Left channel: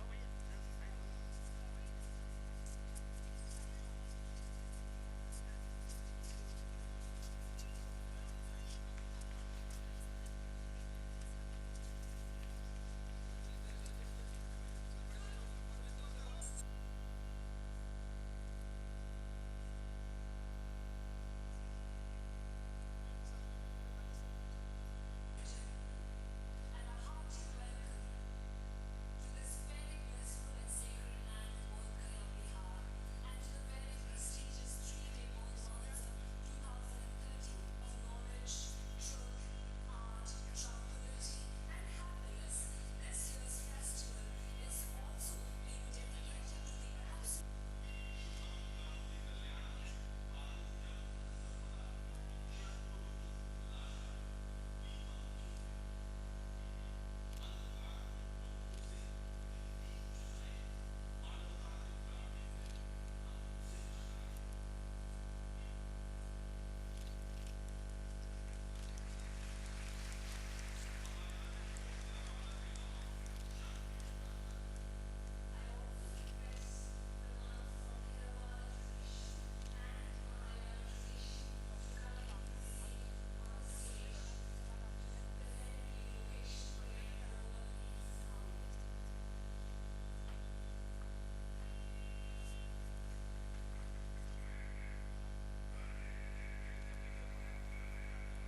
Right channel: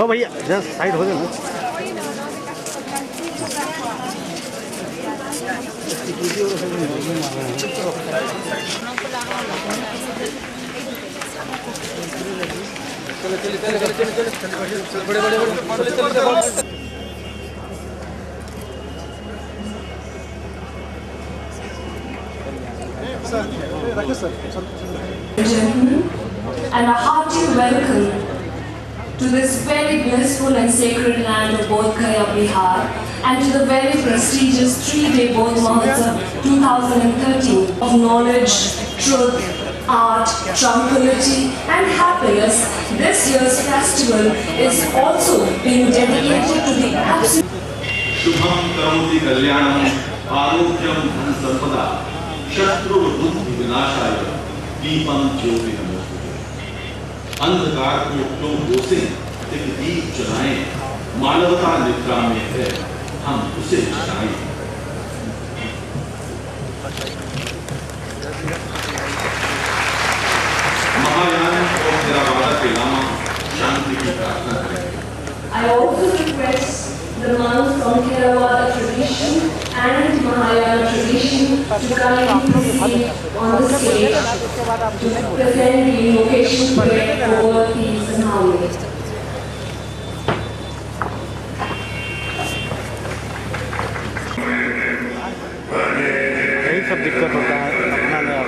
ओ भैया just side हो जाओ। And a hearty welcome to this very blissful and sacred land of Bodh Gaya, Bihar, and to the very prestigious 3-day Bodh Mahotsav 2013 of knowledge, truth, art, tranquility and happiness. This year's festival is also being dedicated to the absolute Shubham Karoti Kalyanam Arogyam Dhan Sampada Shatru Buddhi Vinashaya Deepam Jyoti Namaste। अंधकार को क्यों घोसे, एक दीप जलाएं, मानवता निद्रा में है, हम उसे जगाएं। महायान और थेरावादा के लामा शांति की प्रार्थना करें। I also request the monks from Theravada tradition and Mahayana tradition to kindly proceed on the stage to present the invocation prayer for peace and harmony. यही सब दिक्कत होता है अपना में।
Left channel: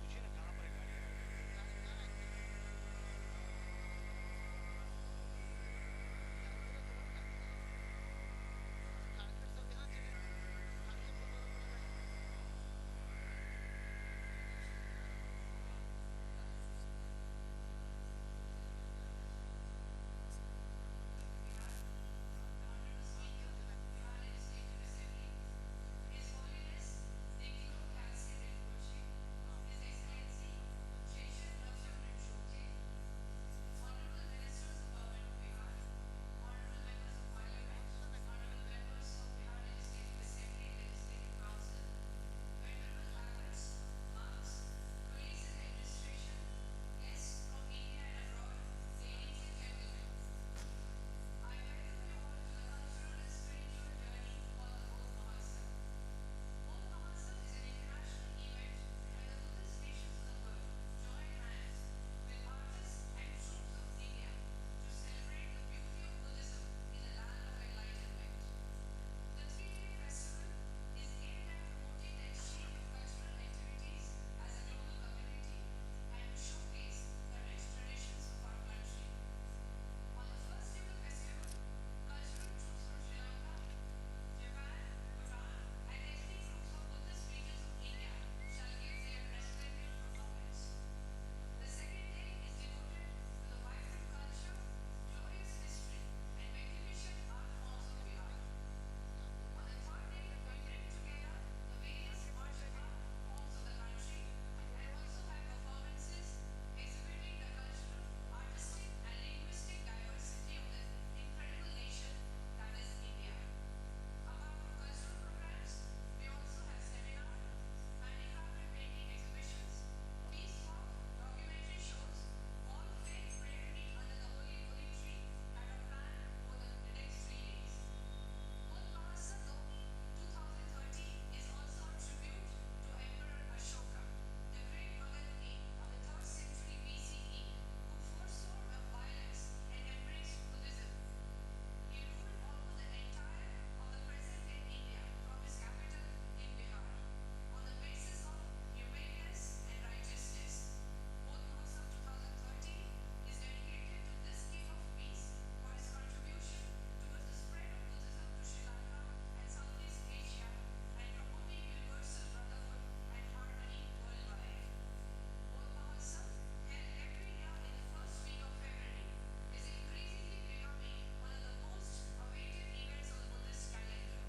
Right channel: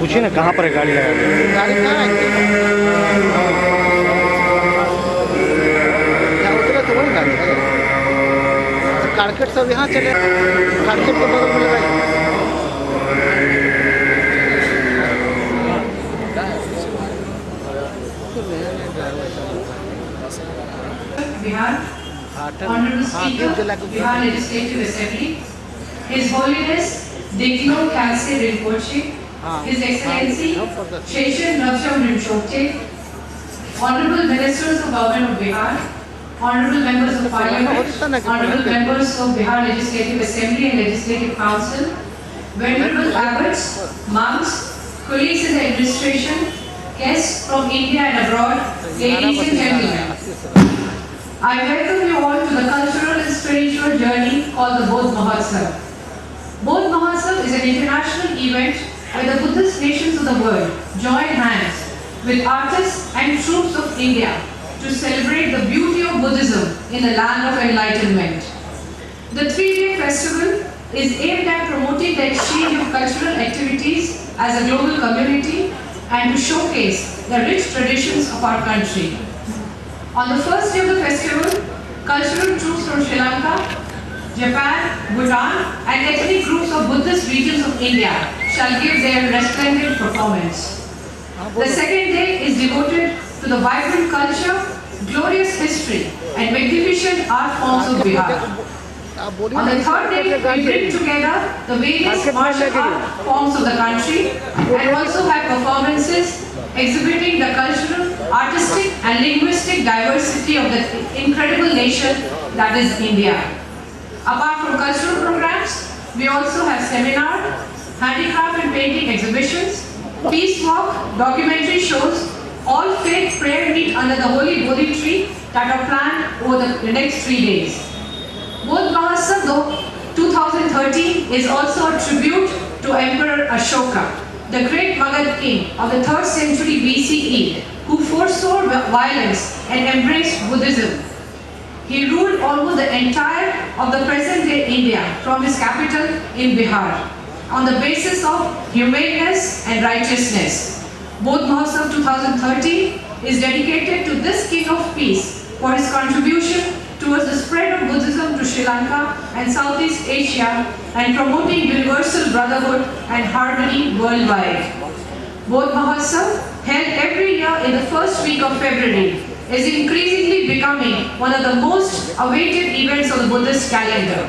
पूछिए ना कहाँ पर है गाड़ी लगा दी। गाड़ी कहाँ है? उतरे तो वही गाड़ी है। मार्केट सब यहाँ चले, मार्केट के बगल में लगाइए। Bihar, Honorable Speaker, Bihar Legislative Assembly, His Holiness Digno Khalse Rinpoche, His Excellency Sheshan Raksham Rinpoche, Honorable Ministers of Government of Bihar, Honorable Members of Parliament, Honorable Members of Bihar Legislative Assembly and Legislative Council, Venerable Abbots, monks, colleagues in the administration, guests from India and abroad, ladies and gentlemen. I welcome you all to the cultural and spiritual journey called the Bodh Mahotsav. Bodh Mahotsav is an international event where the Buddhist nations of the world join hands with artists and troops of India to celebrate the beauty of Buddhism in the land of enlightenment. The 3-day festival is aimed at promoting the exchange of cultural activities as a global community and to showcase the rich traditions of our country. On the first day of the festival, cultural troops from Sri Lanka, Japan, Bhutan and ethnic groups of Buddhist regions of India shall give their resplendent performance. The second day is devoted to the vibrant culture, glorious history and magnificent art forms of Bihar. On the third day, we bring together the various martial art forms of the country and also have performances exhibiting the cultural, artistic and linguistic diversity of the incredible nation that is India. Apart from cultural programs, we also have seminar, handicraft and painting exhibitions, peace walk, documentary shows, all faith prayer meet under the Holy Bodhi tree that are planned over the next 3 days. Bodh Mahotsav 2013 is also a tribute to Emperor Ashoka, the great Magadha king of the 3rd century BCE, who foresaw violence and embraced Buddhism. He ruled almost the entire of the present-day India from his capital in Bihar on the basis of humaneness and righteousness. Bodh Mahotsav 2013 is dedicated to this King of Peace for his contribution towards the spread of Buddhism to Sri Lanka and Southeast Asia and promoting universal brotherhood and harmony worldwide. Bodh Mahotsav, held every year in the first week of February, is increasingly becoming one of the most awaited events of the Buddhist calendar.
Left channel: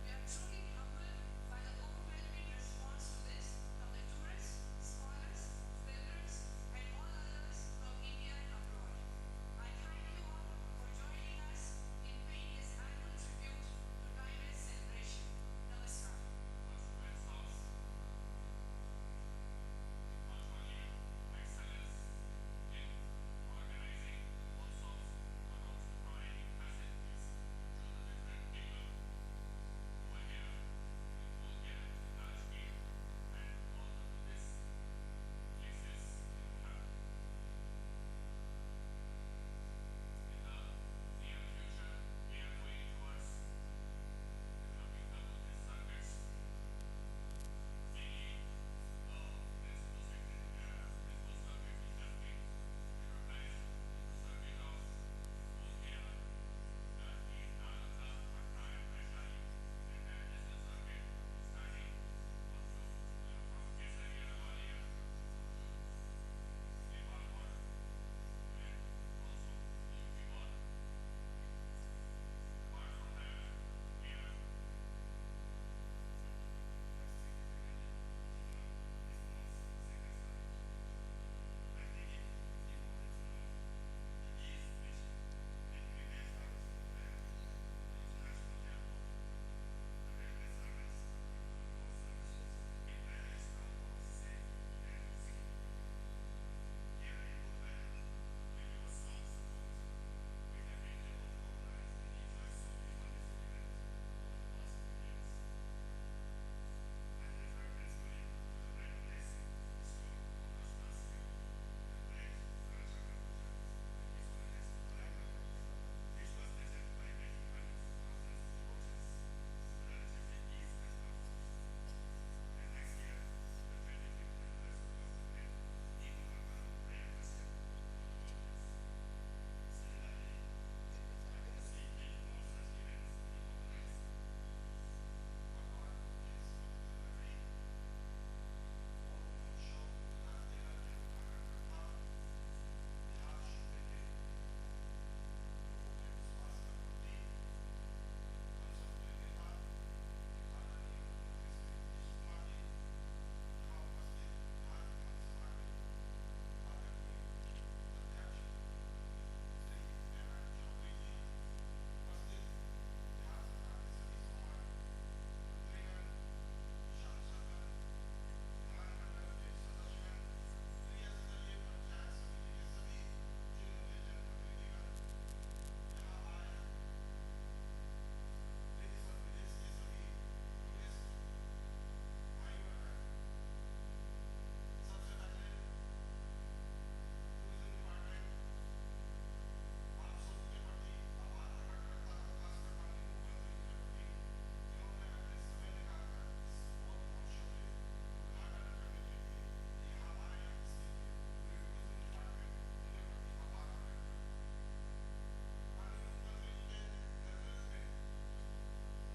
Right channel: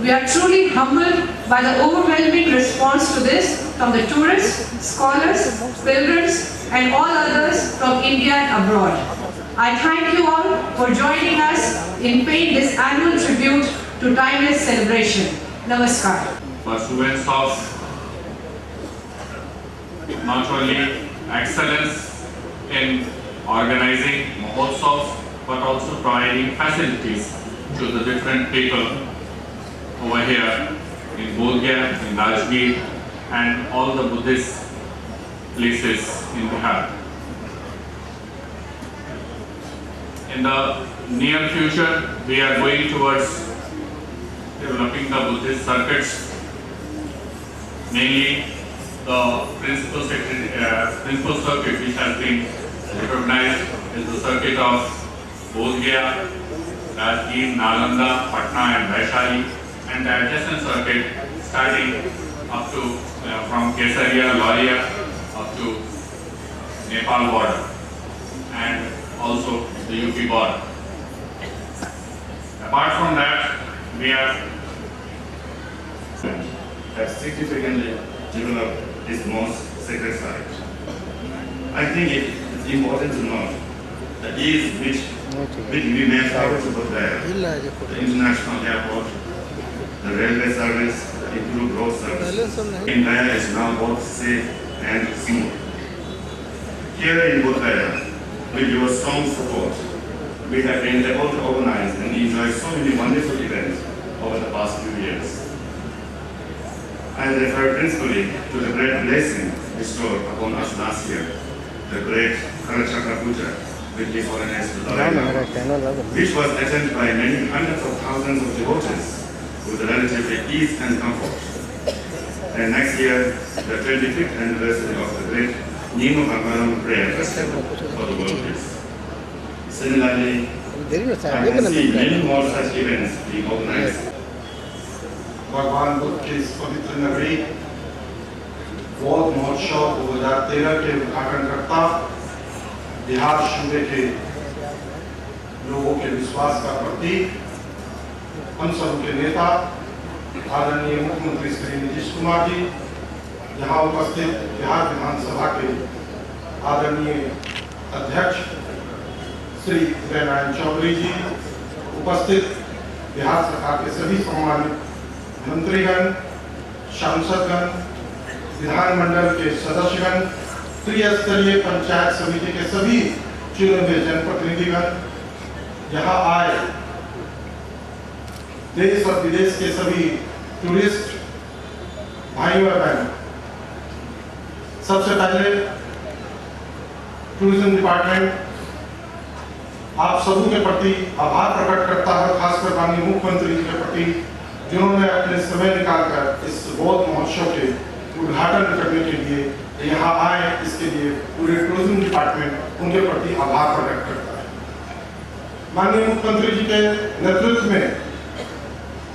We are truly humbled by the overwhelming response to this from the tourists, scholars, pilgrims and all others from India and abroad. I thank you all for joining us in paying this annual tribute to timeless celebration. Namaskar. Pursuance of not only excellence in organizing Mahotsavs but also providing facilities to the different people over here in Bodh Gaya, in Rajgir and all the Buddhist places in Bihar. In the near future, we are going towards developing the Buddhist circuits, mainly the principal circuit which has been recognized is the circuit of Bodh Gaya, Rajgir, Nalanda, Patna and Vaishali, and the adjacent circuit starting up to from Kesaria, Loria up to Nepal border and also the UP border. Apart from that, we have significantly developed this most sacred site. I think it's important to note the ease which we may travel to Bodh Gaya, the international airport, the railway service, the improved road service in Gaya is now both safe and smooth. Here in Bodh Gaya, with your strong support, we have been able to organize and enjoy so many wonderful events over the past few years. I refer principally to the great blessing bestowed upon us last year, the great Kalachakra Puja, with the foreigners to Dalai Lama, which was attended by many hundreds of thousands of devotees with relatively ease and comfort. And next year, the 25th anniversary of the great Nimo Bhagavan Prayer Festival for the world peace. Similarly, I can see many more such events being organized भगवान बुद्ध की इस पवित्र नगरी बौद्ध महोत्सव 2013 के उद्घाटनकर्ता, बिहार सूबे के लोगों के विश्वास का प्रतीक, हम सब के नेता आदरणीय मुख्यमंत्री श्री नीतीश कुमार जी, यहाँ उपस्थित बिहार विधानसभा के आदरणीय अध्यक्ष श्री उदय नारायण चौधरी जी, उपस्थित बिहार सरकार के सभी सम्मानित मंत्रीगण, सांसदगण, विधानमंडल के सदस्यगण, त्रिस्तरीय पंचायत समिति के सभी चुने हुए जनप्रतिनिधिगण, यहाँ आए देश और विदेश के सभी टूरिस्ट भाइयों और बहनों, सबसे पहले टूरिज्म डिपार्टमेंट आप सबों के प्रति आभार प्रकट करता है, खासकर माननीय मुख्यमंत्री जी के प्रति, जिन्होंने अपने समय निकालकर इस बौद्ध महोत्सव के उद्घाटन करने के लिए यहाँ आए। इसके लिए पूरे टूरिज्म डिपार्टमेंट उनके प्रति आभार प्रकट करता है। माननीय मुख्यमंत्री जी के नेतृत्व में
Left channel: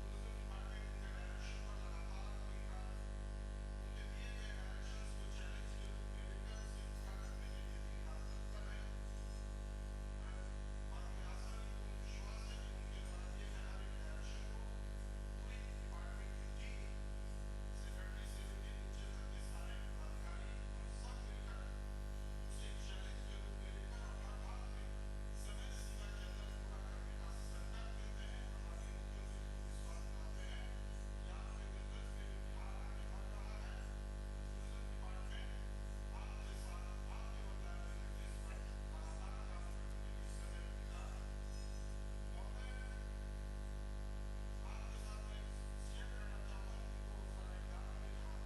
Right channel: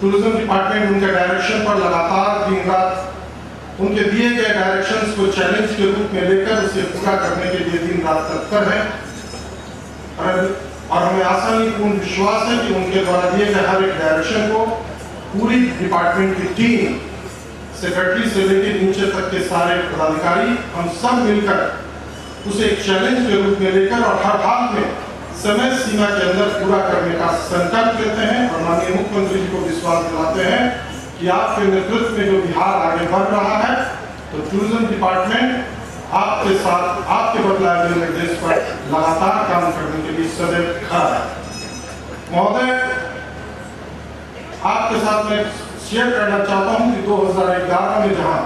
टूरिज्म डिपार्टमेंट उनके डायरेक्शन पर लगातार दिन रात उनके दिए गए डायरेक्शंस को चैलेंज के रूप में लेकर उसे पूरा करने के लिए दिन रात तत्पर है और हमें आसानीपूर्ण विश्वास है कि उनके द्वारा दिए गए हर एक डायरेक्शन को पूरी डिपार्टमेंट की टीम, सेक्रेटरी से लेकर नीचे तक के सारे पदाधिकारी, हम सब मिलकर उसे एक चैलेंज के रूप में लेकर और हर हाल में समय सीमा के अंदर पूरा करने का संकल्प लेते हैं और माननीय मुख्यमंत्री जी को विश्वास दिलाते हैं कि आपके नेतृत्व में जो बिहार आगे बढ़ रहा है, तो टूरिज्म डिपार्टमेंट आपके साथ, आपके बदलाए हुए निर्देश पर लगातार काम करने के लिए सदैव खड़ा है। महोदय, आपके साथ मैं शेयर करना चाहता हूं कि 2011 में जहां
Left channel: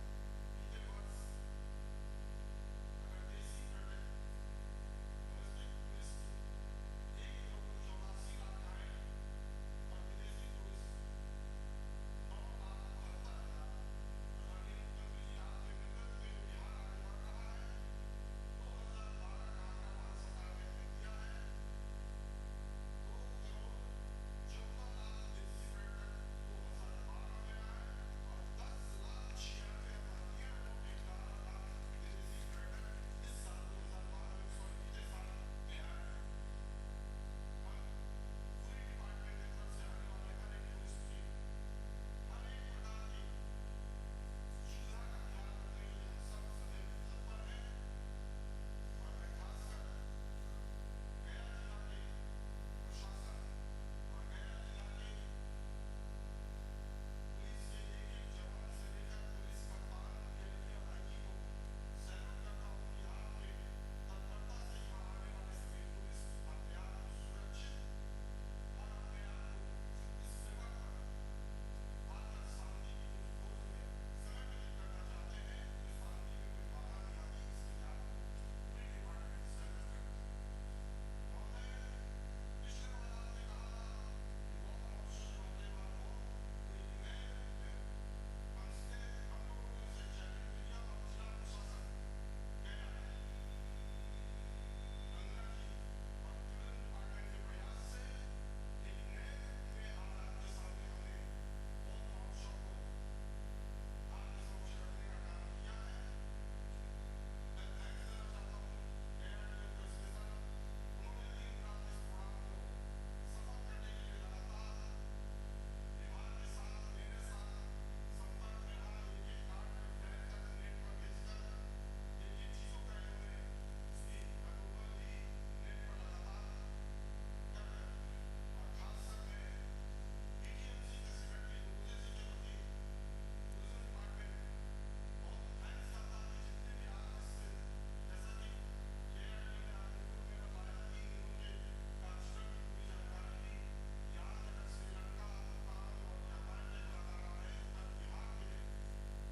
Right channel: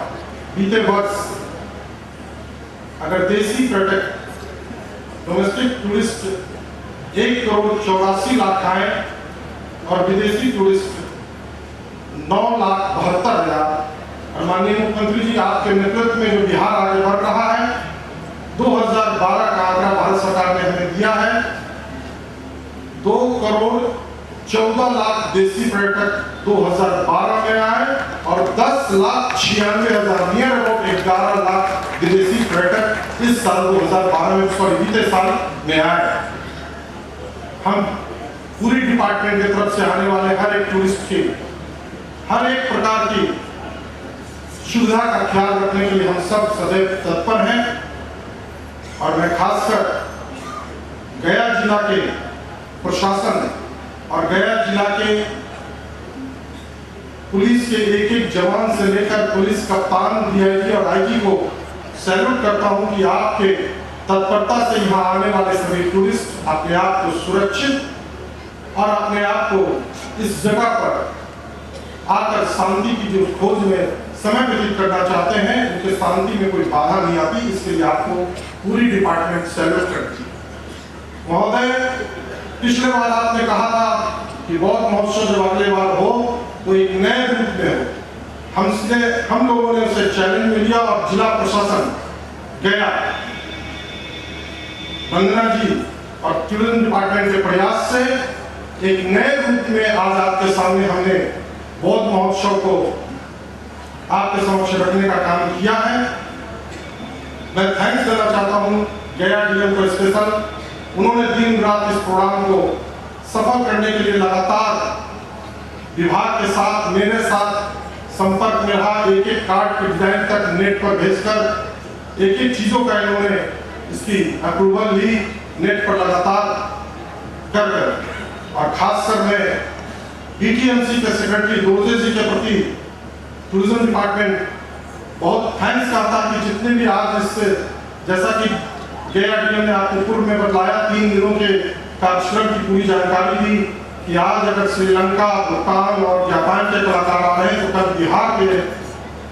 बीते वर्ष अगर देशी पर्यटक, डोमेस्टिक टूरिस्ट 1,84,00,000 आए और विदेशी टूरिस्ट 9,72,000, और माननीय मुख्यमंत्री जी आपके नेतृत्व में जो बिहार आगे बढ़ रहा है, 2012 का आंकड़ा भारत सरकार ने हमें दिया है, 2,14,00,000 देशी पर्यटक 2012 में आए और 10,96,000 नियर अबाउट 11 लाख विदेशी पर्यटक इस साल 2012 में, सॉरी बीते साल में आए। हम पूरी डिपार्टमेंट की तरफ से आने वाले हर एक टूरिस्ट की हर एक प्रकार की सुविधा का ख्याल रखने के लिए हम सब सदैव तत्पर हैं और मैं खासकर गया जिला के प्रशासन और गया जिला के पुलिस के एक एक जवान से लेकर पुलिस कप्तान, डीआईजी और आईजी को सैल्यूट करता हूं कि आपके तत्परता से यहाँ आने वाले सभी टूरिस्ट अपने आप को सुरक्षित और अपने आप को इस जगह पर आकर शांति की जो खोज में समय व्यतीत करना चाहते हैं, उनके शांति में कोई बाधा नहीं आती। इसके लिए आपको पूरी डिपार्टमेंट सैल्यूट करती है। महोदय, पिछले बार आपने कहा था कि बौद्ध महोत्सव जब अगले बार हो तो एक नए रूप में हो। हम लोगों ने उसे चैलेंज में लिया और जिला प्रशासन गया, वंदना जी और टूरिज्म डिपार्टमेंट के प्रयास से एक नए रूप में आज आपके सामने हमने बौद्ध महोत्सव को आपके समक्ष रखने का काम किया है। मैं थैंक्स देना चाहता हूं गया डीएम को स्पेशल, उन्होंने दिन रात इस प्रोग्राम को सफल करने के लिए लगातार विभाग के साथ, मेरे साथ संपर्क में रहा। एक एक कार्ड के डिजाइन तक नेट पर भेजकर एक एक चीजों का इन्होंने इसकी अप्रूवल ली नेट पर लगातार कर और खासकर मैं बीटीएमसी के सेक्रेटरी दोर्जे जी के प्रति टूरिज्म डिपार्टमेंट बहुत थैंक्स करता कि जितने भी आज इससे, जैसा कि गया डीएम ने आपको पूर्व में बताया, 3 दिनों के कार्यक्रम की पूरी जानकारी दी कि आज अगर श्रीलंका, भूटान और जापान के कलाकार आ रहे हैं तो कल बिहार के,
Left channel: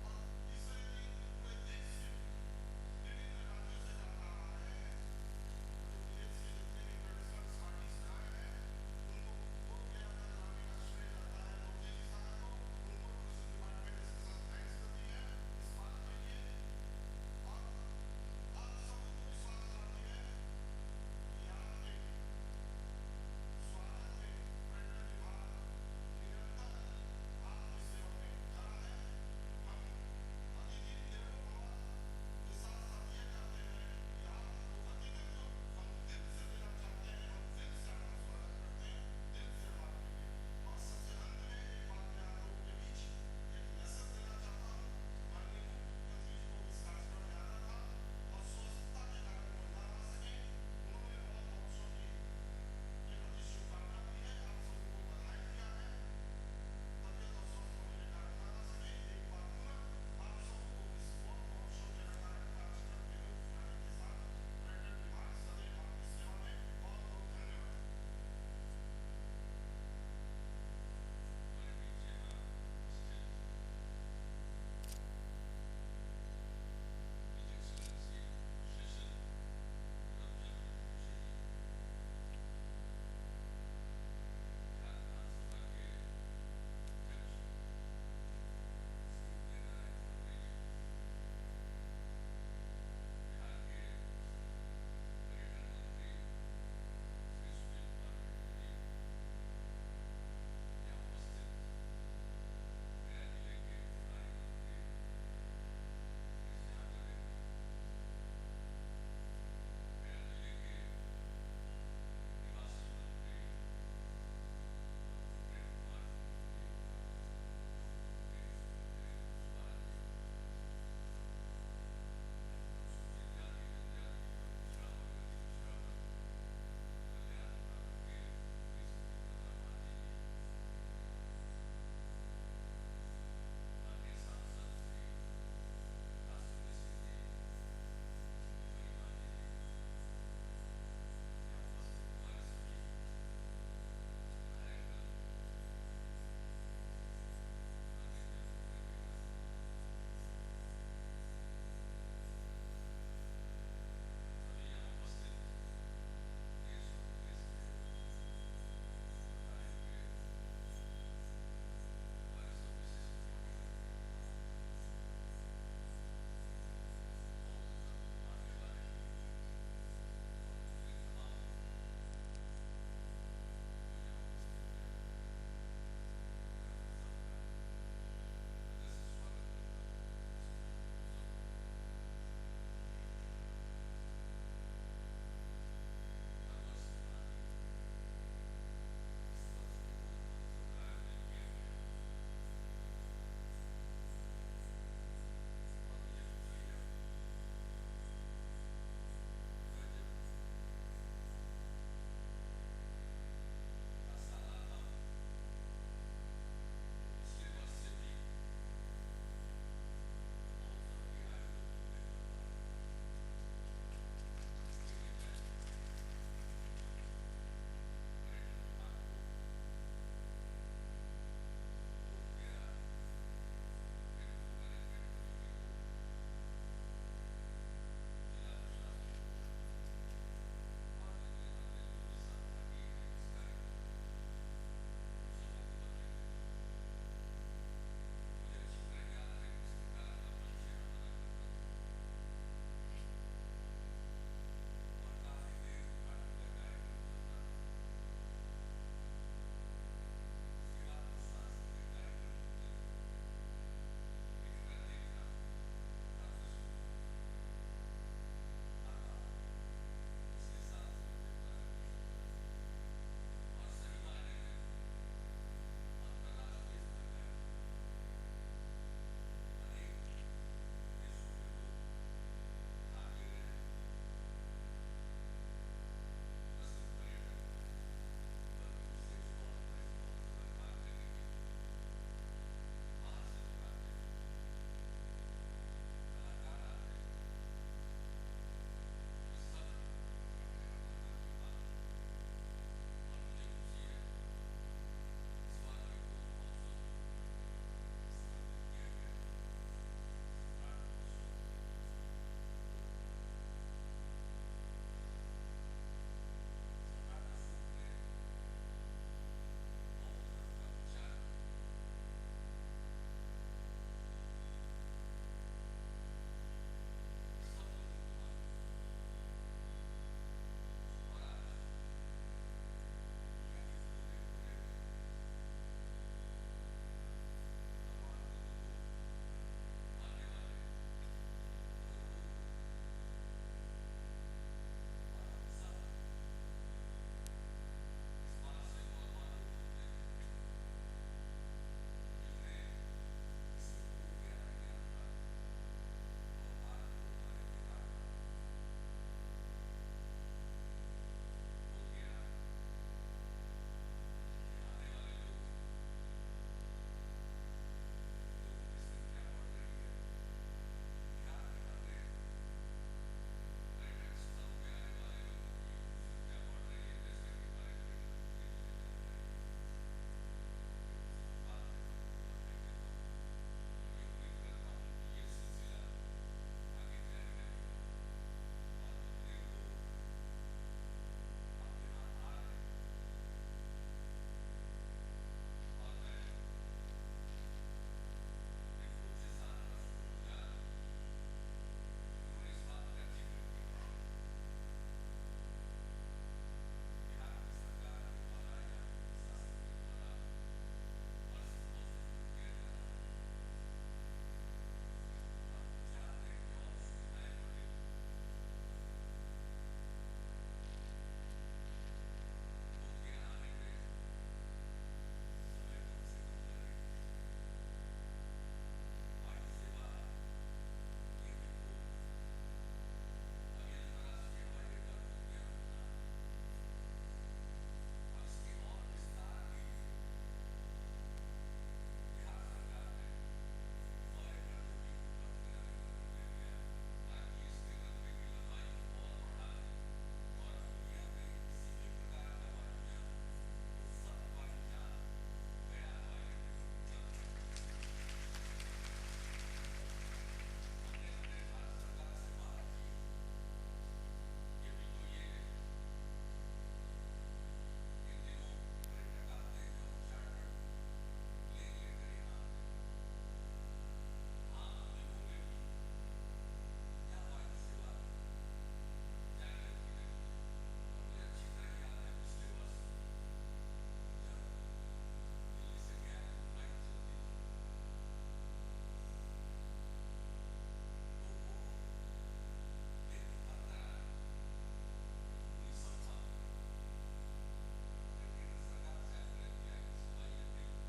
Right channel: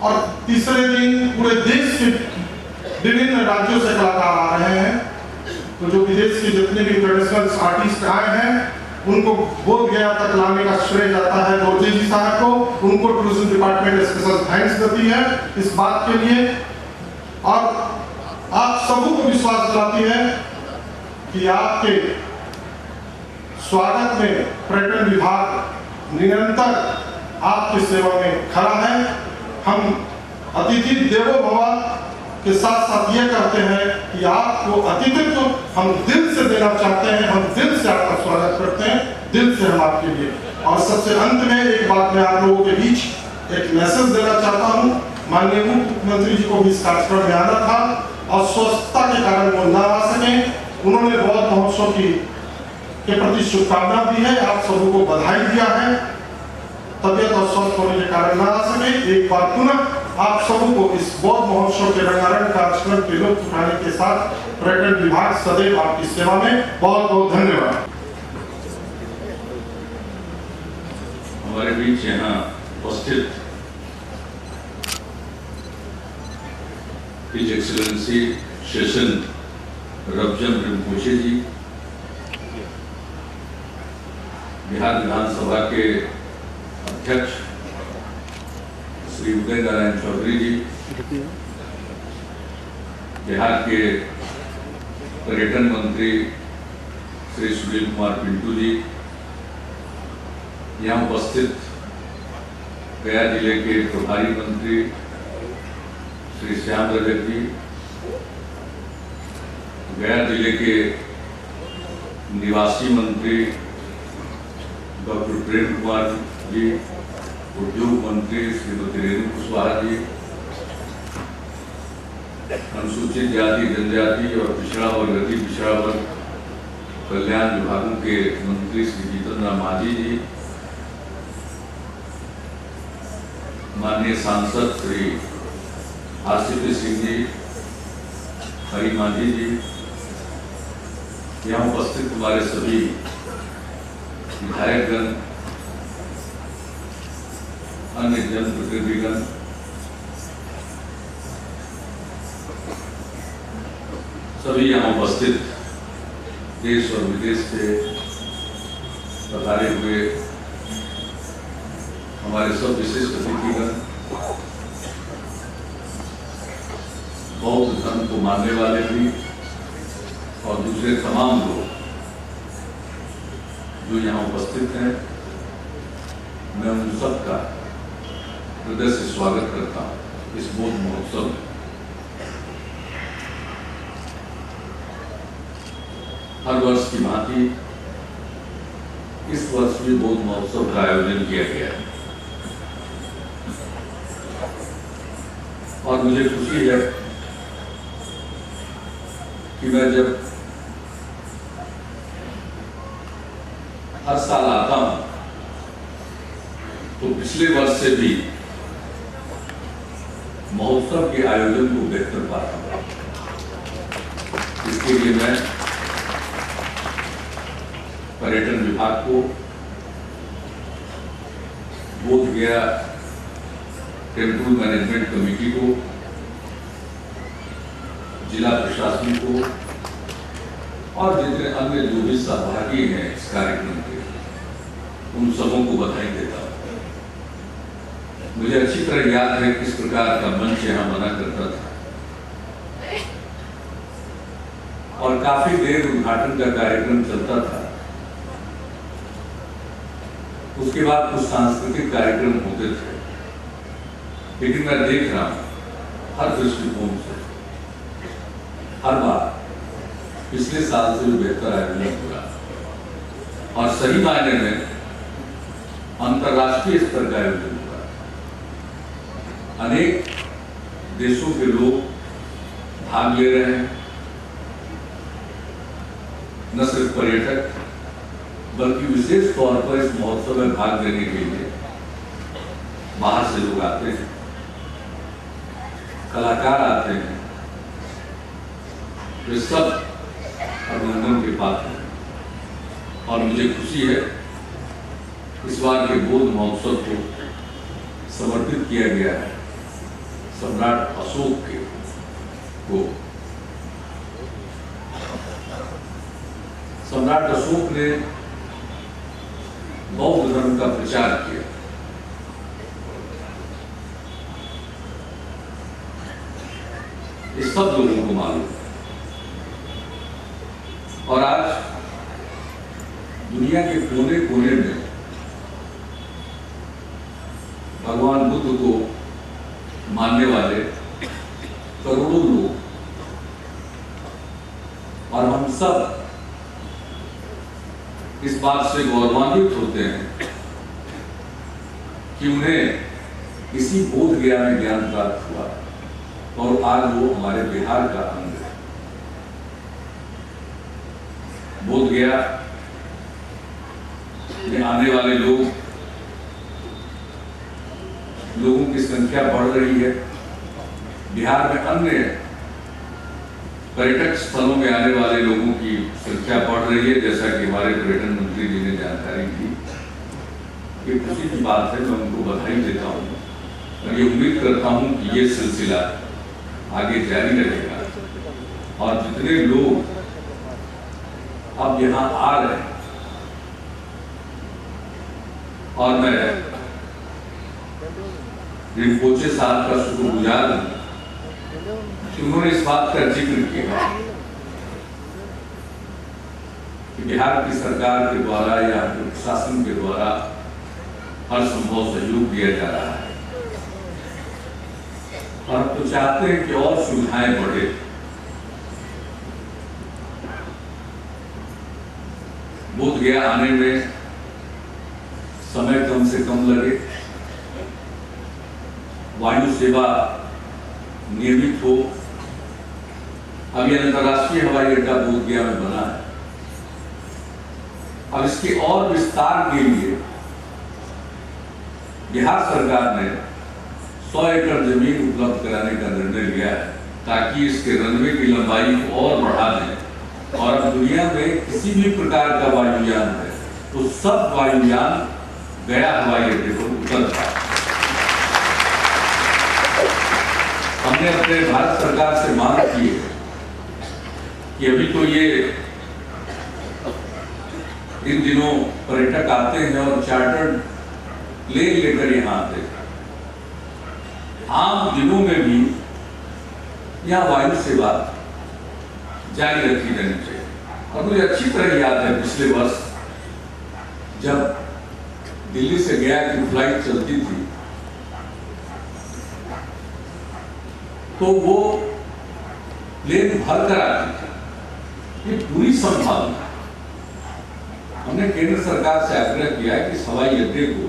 और तीसरे दिन पूरे देश के विभिन्न राज्यों से कलाकार आ रहे हैं। तो जो विदेश के जितने भी इंटरनेशनल आर्टिस्ट आए हैं उनको बोध गया तक लाने का श्रेय जाता है दोर्जे जी साहब को। उनको टूरिज्म डिपार्टमेंट स्पेशल थैंक्स देती है इस बात के लिए और आप सबों को विश्वास दिलाती है कि आपके स्वागत में पर्यटन विभाग निरंतर आपकी सेवा में खड़ा है। हम अतिथि देवो भव के साथ साथ ये करते हैं कि आपको अतिथित्व हम दिल से देना चाहते हैं, हम दिल से आपका स्वागत करते हैं, दिल से हम आपके लिए। और सबसे अंत में एक बात मैं आप लोगों के बीच एक मैसेज देना चाहता हूँ। माननीय मुख्यमंत्री जी को भी इस कार्यक्रम में आना था और स्वस्थता के कारण वो ना आ सके। उन्होंने बौद्ध महोत्सव के प्रति शुभकामना दी है, आप सबों को बधाई दिया है। तबियत और स्वस्थ होने के कारण ना आ सके। एक बार पुनः आप सबों को इस बौद्ध महोत्सव के रंगारंग कार्यक्रम के लुत्फ उठाने के साथ पर्यटन विभाग सदैव आपकी सेवा में बहुत बहुत धन्यवाद। हमारे बीच यहाँ उपस्थित हिज एक्सीलेंसी शेषन रबजन रिम्पोचे जी, बिहार विधानसभा के अध्यक्ष श्री उदय नारायण चौधरी जी, बिहार के पर्यटन मंत्री श्री सुनील कुमार पिंटू जी, यहाँ उपस्थित गया जिले के प्रभारी मंत्री श्री श्याम रजक जी, गया जिले के निवासी मंत्री डॉक्टर प्रेम कुमार जी, उद्योग मंत्री श्रीमती रेणु कुशवाहा जी, अनुसूचित जाति जनजाति और पिछड़ा वर्ग अति पिछड़ा वर्ग कल्याण विभागों के मंत्री श्री जीतन राम मांझी जी, माननीय सांसद श्री आरसीपी सिंह जी, हरी मांझी जी, यहाँ उपस्थित हमारे सभी विधायकगण, अन्य जनप्रतिनिधिगण, सभी यहाँ उपस्थित देश और विदेश से पधारे हुए हमारे सब विशिष्ट अतिथिगण, बौद्ध धर्म को मानने वाले भी और दूसरे तमाम लोग जो यहाँ उपस्थित हैं, मैं उन सबका हृदय से स्वागत करता हूँ इस बौद्ध महोत्सव में। हर वर्ष की भांति इस वर्ष भी बौद्ध महोत्सव का आयोजन किया गया है और मुझे खुशी है कि मैं जब हर साल आता हूं तो पिछले वर्ष से भी महोत्सव के आयोजन को बेहतर पाता हूं। इसके लिए मैं पर्यटन विभाग को, बोध गया टेम्पल मैनेजमेंट कमेटी को, जिला प्रशासन को और जितने अन्य जो भी सहभागी हैं इस कार्यक्रम के, उन सबों को बधाई देता हूं। मुझे अच्छी तरह याद है किस प्रकार का मंच यहाँ बना करता था और काफी देर उद्घाटन का कार्यक्रम चलता था। उसके बाद कुछ सांस्कृतिक कार्यक्रम होते थे, लेकिन मैं देख रहा हूं हर दृष्टिकोण से हर बार पिछले साल से भी बेहतर आयोजन हुआ और सही मायने में अंतर्राष्ट्रीय स्तर का आयोजन हुआ। अनेक देशों के लोग भाग ले रहे हैं, न सिर्फ पर्यटक बल्कि विशेष तौर पर इस महोत्सव में भाग लेने के लिए बाहर से लोग आते हैं, कलाकार आते हैं, वे सब अभिनंदन के पात्र हैं और मुझे खुशी है इस बार के बौद्ध महोत्सव को समर्पित किया गया है सम्राट अशोक को। सम्राट अशोक ने बौद्ध धर्म का प्रचार किया। ये सब लोगों को मालूम है और आज दुनिया के कोने कोने में महत्व को मानने वाले करोड़ों लोग, और हम सब इस बात से गौरवान्वित होते हैं कि उन्हें इसी बोध गया में ज्ञान प्राप्त हुआ और आज वो हमारे बिहार का अंग है। बोध गया में आने वाले लोगों की संख्या बढ़ रही है। बिहार में अन्य पर्यटक स्थलों में आने वाले लोगों की संख्या बढ़ रही है, जैसा कि हमारे पर्यटन मंत्री जी ने जानकारी दी। ये खुशी की बात है, मैं उनको बधाई देता हूँ और ये उम्मीद करता हूँ कि ये सिलसिला आगे जारी रहेगा और जितने लोग अब यहाँ आ रहे हैं, और मैं रिम्पोचे साहब का शुक्रगुजार हूँ कि उन्होंने इस बात का जिक्र किया कि बिहार की सरकार के द्वारा या प्रशासन के द्वारा हर संभव सहयोग दिया जा रहा है और तो चाहते हैं कि और सुविधाएं बढ़े। बोध गया आने में समय कम से कम लगे, वायु सेवा नियमित हो। अब यह अंतर्राष्ट्रीय हवाई अड्डा बोध गया में बना है। अब इसके और विस्तार के लिए बिहार सरकार ने 100 एकड़ जमीन उपलब्ध कराने का निर्णय लिया है ताकि इसके रनवे की लंबाई को और बढ़ा दें और अब दुनिया में किसी भी प्रकार का वायुयान है तो सब वायुयान गया हवाई अड्डे पर उतर पाए। हमने अपने भारत सरकार से मांग की है कि अभी तो ये इन दिनों पर्यटक आते हैं और चार्टर्ड प्लेन लेकर यहाँ आते हैं। आम दिनों में भी यहाँ वायु सेवा जारी रखी जानी चाहिए। और मुझे अच्छी तरह याद है पिछले वर्ष जब दिल्ली से गया की फ्लाइट चलती थी तो वो प्लेन भर कर आती थी। ये पूरी संभावना हमने केंद्र सरकार से आग्रह किया कि इस हवाई अड्डे को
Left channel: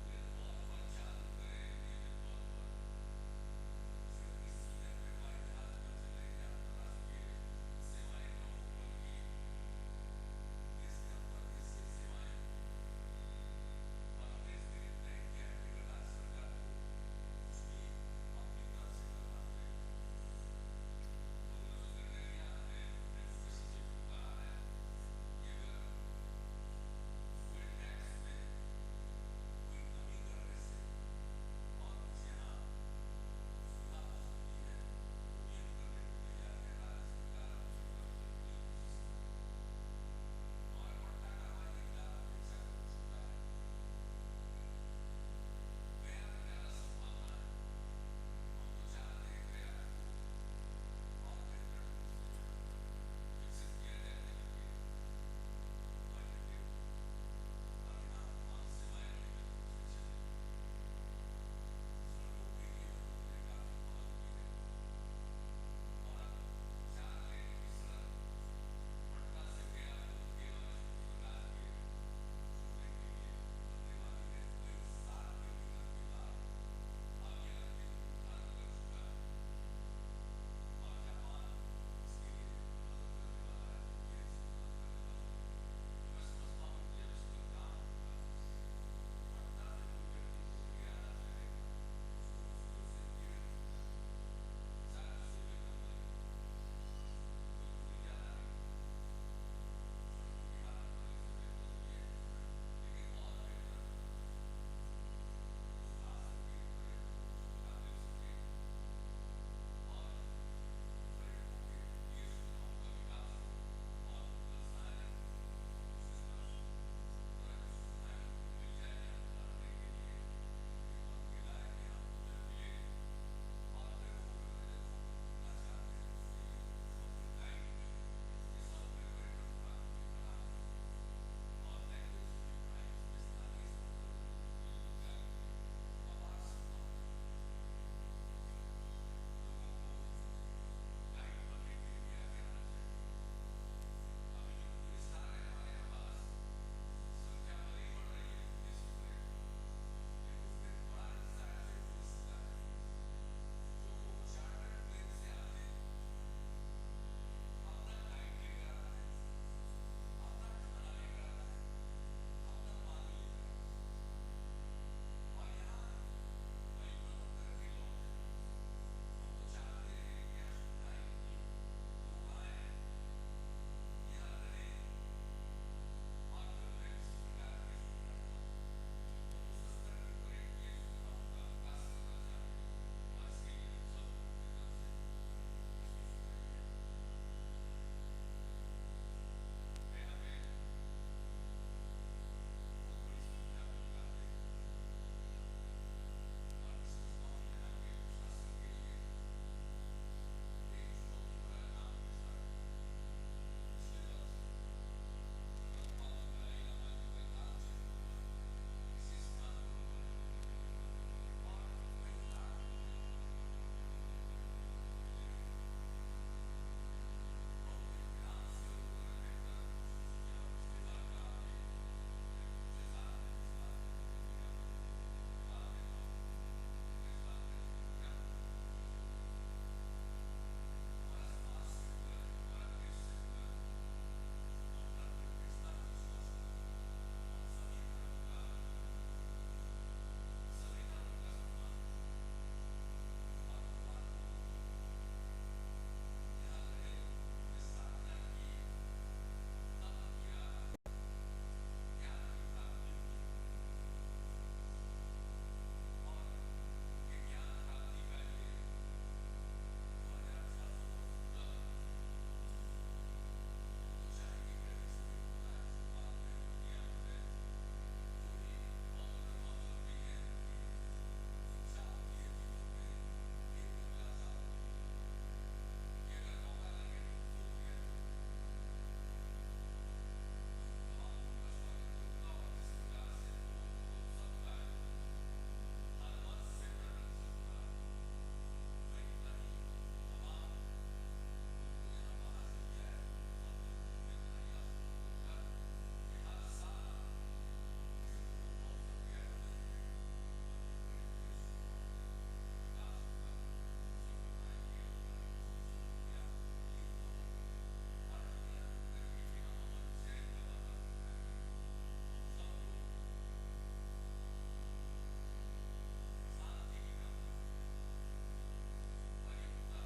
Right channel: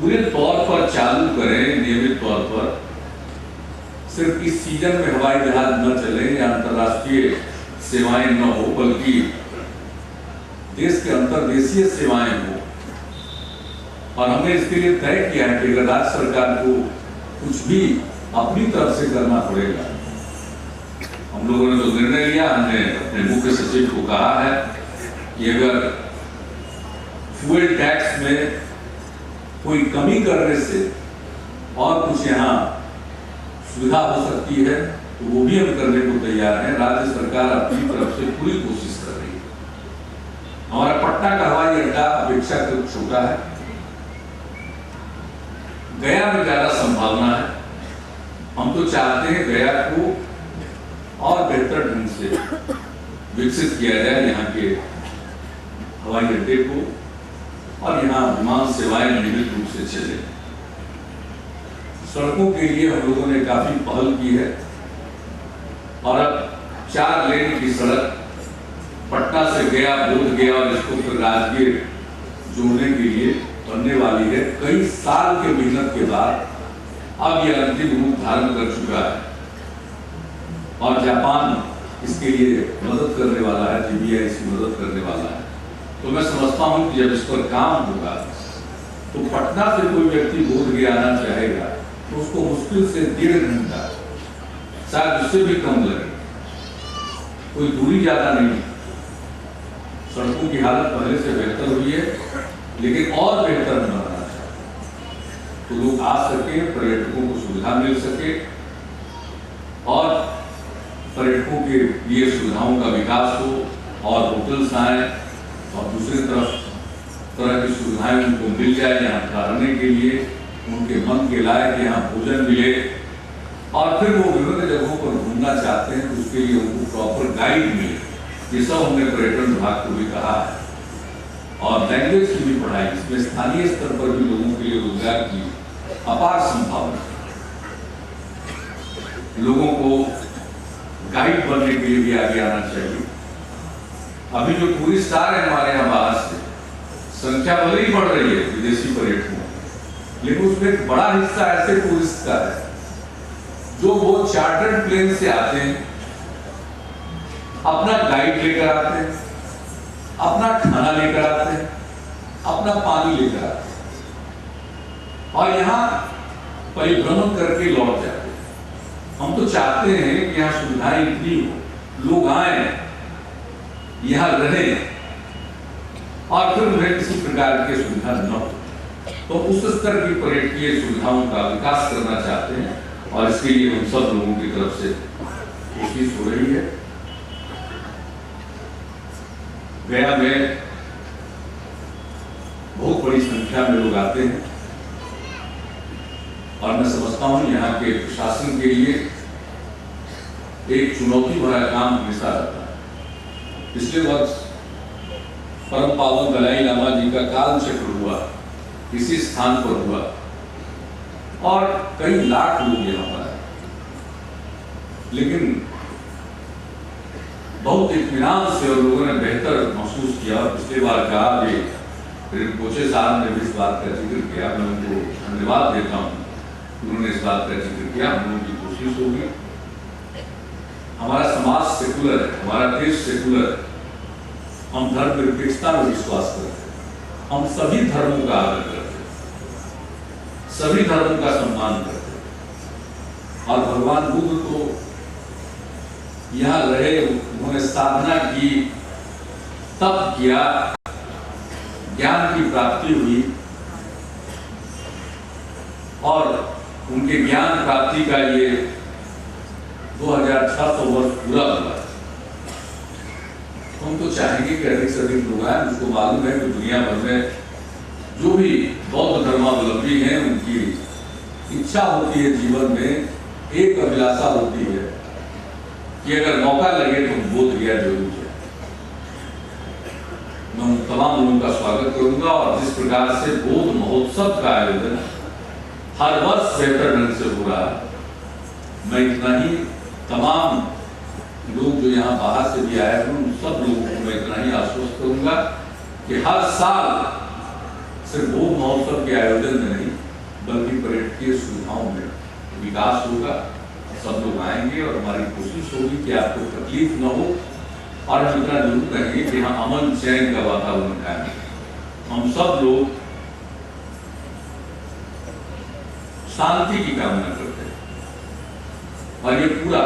पूरे तौर पर चालू करें, नियमित तौर पर। सिर्फ इस सीजन में हवाई जहाज न चले या अंतर्राष्ट्रीय सेवाएं न हो, बल्कि देश के अंतर्देशीय सेवाएं हो। और हमने इसके लिए तय किया है कि अगर राज्य सरकार को कुछ भी अपनी तरफ से करना पड़ेगा, हम लोगों ने तो निर्णय लिया, हमने अपने मुख्य सचिव को कहा है कि अगर फ्यूल टैक्स में कोई कमी करने से और कुछ यहाँ सुविधा हो सकती है तो वो भी हम करने को तैयार हैं। राज्य सरकार अपनी तरफ से पूरी कोशिश कर रही है। हमारा पटना का हवाई अड्डा अपेक्षाकृत छोटा है, गया में ज्यादा संभावना है। हम तो चाहते हैं गया को और बेहतर ढंग से विकसित किया जाए, यहाँ के हवाई अड्डे को, और यहाँ विमान सेवाएं नियमित रूप से चले। सड़कों के लिए हम लोगों ने काफी पहल की है और अब 4 लेन की सड़क पटना से गया, बोध गया और इसको फिर राजगीर जोड़ने के लिए बनने वाली है। कई साल के मेहनत के बाद अब यह अंतिम रूप धारण कर चुका है और जापान इसके लिए मदद करने वाला है, जीबीआई इसकी मदद करने वाला है। तो मैं समझता हूं कि जब इस पर काम होगा तो पटना से कोई व्यक्ति बोध गया आना चाहेगा तो उसको मुश्किल से 1.5 घंटा, शायद उससे भी कम लगे। कोई दूरी ज्यादा नहीं। सड़कों की हालत पहले से बेहतर हुई है, लेकिन और बेहतर बनाना चाहिए तो लोग आ सके, पर्यटकों को सुविधा मिल सके और पर्यटकों के लिए सुविधाओं का विकास हो और होटल्स आए और दूसरी तरफ तरह की सुविधाएं उनको मिल जाए यहाँ ठहरने के लिए, उनके मन के लायक यहाँ भोजन मिले और फिर वो विभिन्न जगहों पर घूमना चाहते हैं तो उसके लिए उनको प्रॉपर गाइड मिले। ये सब हमने पर्यटन विभाग को भी कहा है और लैंग्वेज की भी पढ़ाई, इसमें स्थानीय स्तर पर भी लोगों के लिए रोजगार की अपार संभावना, लोगों को गाइड बनने के लिए भी आगे आना चाहिए। अभी जो टूरिस्ट आ रहे हैं हमारे यहाँ बाहर से, संख्या भले ही बढ़ रही है विदेशी पर्यटकों, लेकिन उसमें एक बड़ा हिस्सा ऐसे टूरिस्ट का है जो वो चार्टर्ड प्लेन से आते हैं, अपना गाइड लेकर आते हैं, अपना खाना लेकर आते हैं, अपना पानी लेकर आते हैं और यहाँ परिभ्रमण करके लौट जाते हैं। हम तो चाहते हैं कि यहाँ सुविधाएं इतनी हो, लोग आए, यहाँ रहें और फिर उन्हें किसी प्रकार की सुविधा न हो, तो उस स्तर की पर्यटकीय सुविधाओं का विकास करना चाहते हैं और इसके लिए हम सब लोगों की तरफ से कोशिश हो रही है। गया में बहुत बड़ी संख्या में लोग आते हैं और मैं समझता हूं यहाँ के प्रशासन के लिए एक चुनौती भरा काम हमेशा रहता है। पिछले वर्ष परम पावन दलाई लामा जी का काल चक्र हुआ, इसी स्थान पर हुआ और कई लाख लोग यहाँ पर आए, लेकिन बहुत इत्मीनान से और लोगों ने बेहतर महसूस किया। पिछले बार कहा कि रिंपोचे साहब ने भी इस बात का जिक्र किया, मैं उनको धन्यवाद देता हूँ, उन्होंने इस बात का जिक्र किया। हम लोगों की कोशिश होगी, हमारा समाज सेकुलर है, हमारा देश सेकुलर है, हम धर्म निरपेक्षता में विश्वास करते हैं, हम सभी धर्मों का आदर करते हैं, सभी धर्मों का सम्मान करते हैं और भगवान बुद्ध तो यहाँ रहे, उन्होंने साधना की, तप किया, ज्ञान की प्राप्ति हुई और उनके ज्ञान प्राप्ति का ये 2600 वर्ष पूरा हुआ। हम तो चाहेंगे कि अधिक से अधिक लोग आए। मुझको मालूम है कि दुनिया भर में जो भी बौद्ध धर्मावलंबी हैं, उनकी इच्छा होती है, जीवन में एक अभिलाषा होती है कि अगर मौका लगे तो बोध गया जरूर है। मैं उन तमाम लोगों का स्वागत करूंगा और जिस प्रकार से बोध महोत्सव का आयोजन हर वर्ष बेहतर ढंग से हो रहा है, मैं इतना ही तमाम लोग जो यहाँ बाहर से भी आए हैं उन सब लोगों को मैं इतना ही आश्वस्त करूंगा कि हर साल सिर्फ बोध महोत्सव के आयोजन में नहीं बल्कि पर्यटकीय सुविधाओं में विकास होगा। सब लोग आएंगे और हमारी कोशिश होगी कि आपको तकलीफ न हो और हम इतना जरूर कहेंगे कि हाँ, अमन चैन का वातावरण कायम। हम सब लोग शांति की कामना करते हैं और ये पूरा